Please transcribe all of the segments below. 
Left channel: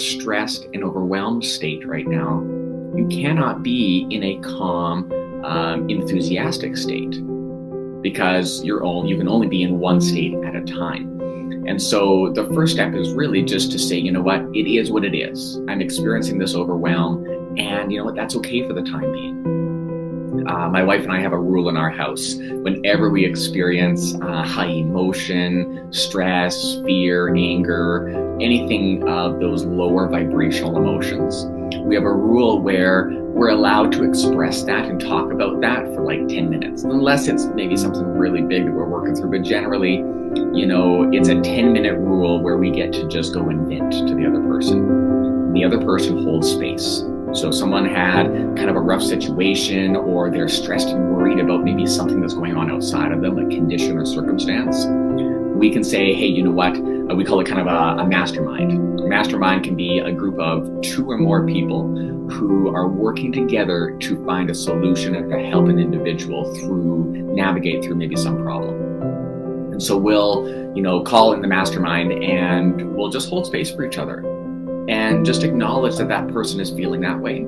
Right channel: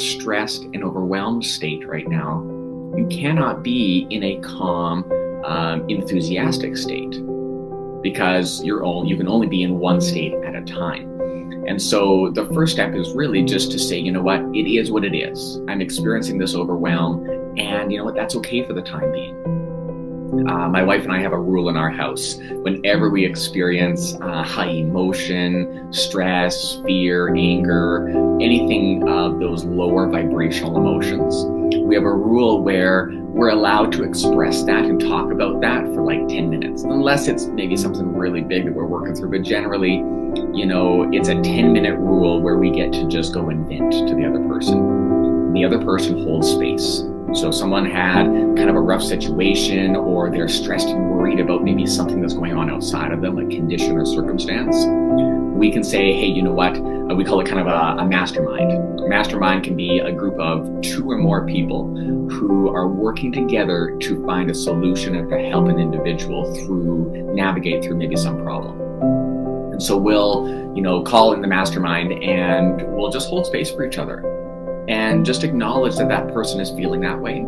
stressed and overwhelmed state right now, you cannot be in a calm, enthusiastic state, because you can only be in one state at a time. And so the first step is really just to say, you know what, it is what it is. I'm experiencing this overwhelm, and you know what, that's okay for the time being. My wife and I have a rule in our house. Whenever we experience high emotion, stress, fear, anger, anything of those lower vibrational emotions, we have a rule where we're allowed to express that and talk about that for like 10 minutes, unless it's maybe something really big that we're working through. But generally, you know, it's a 10-minute rule where we get to just go and vent to the other person. The other person holds space. So if someone had kind of a rough situation, or they're stressed and worried about maybe something that's going on outside of them, like condition or circumstance, we can say, hey, you know what? We call it kind of a mastermind. A mastermind can be a group of 2 or more people who are working together to find a solution and to help an individual navigate through maybe some problem. And so we'll, you know, call in the mastermind, and we'll just hold space for each other and just acknowledge that that person is feeling that way.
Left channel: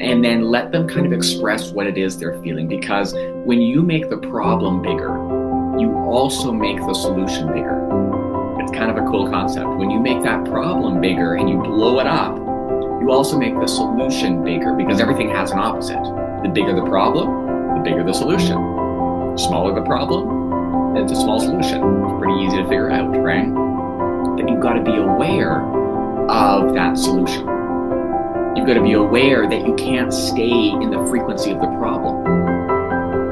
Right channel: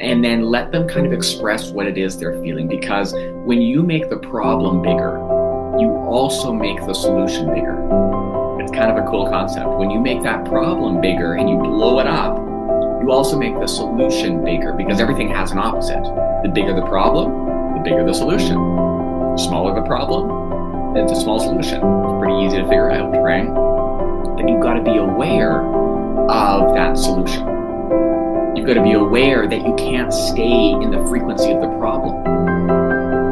And then let them kind of express what it is they're feeling, because when you make the problem bigger, you also make the solution bigger. It's kind of a cool concept. When you make that problem bigger and you blow it up, you also make the solution bigger, because everything has an opposite. The bigger the problem, the bigger the solution. The smaller the problem, it's a small solution. It's pretty easy to figure out, right? But you've got to be aware of that solution. You've got to be aware that you can't stay in the frequency of the problem,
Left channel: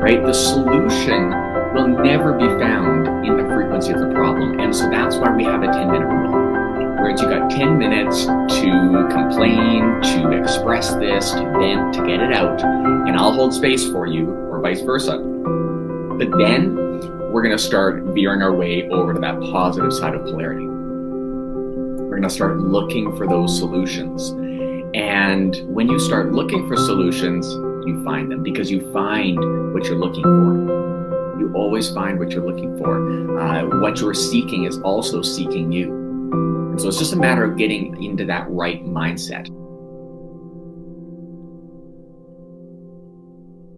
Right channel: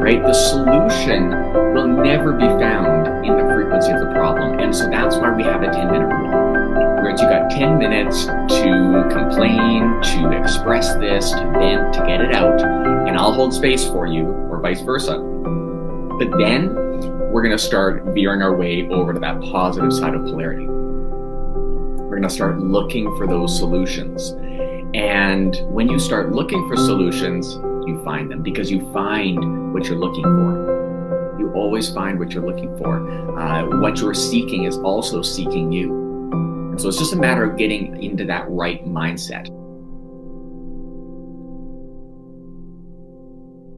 right? The solution will never be found in the frequency of the problem. And so that's why we have a 10-minute rule, where you got 10 minutes to complain, to express this, to vent, to get it out, and I'll hold space for you, or vice versa. But then we're going to start veering our way over to that positive side of polarity. We're going to start looking for those solutions. And when you start looking for solutions, you find them, because you find what you're looking for. You always find what you're looking for. What you're seeking is also seeking you. And so it's just a matter of getting into that right mindset.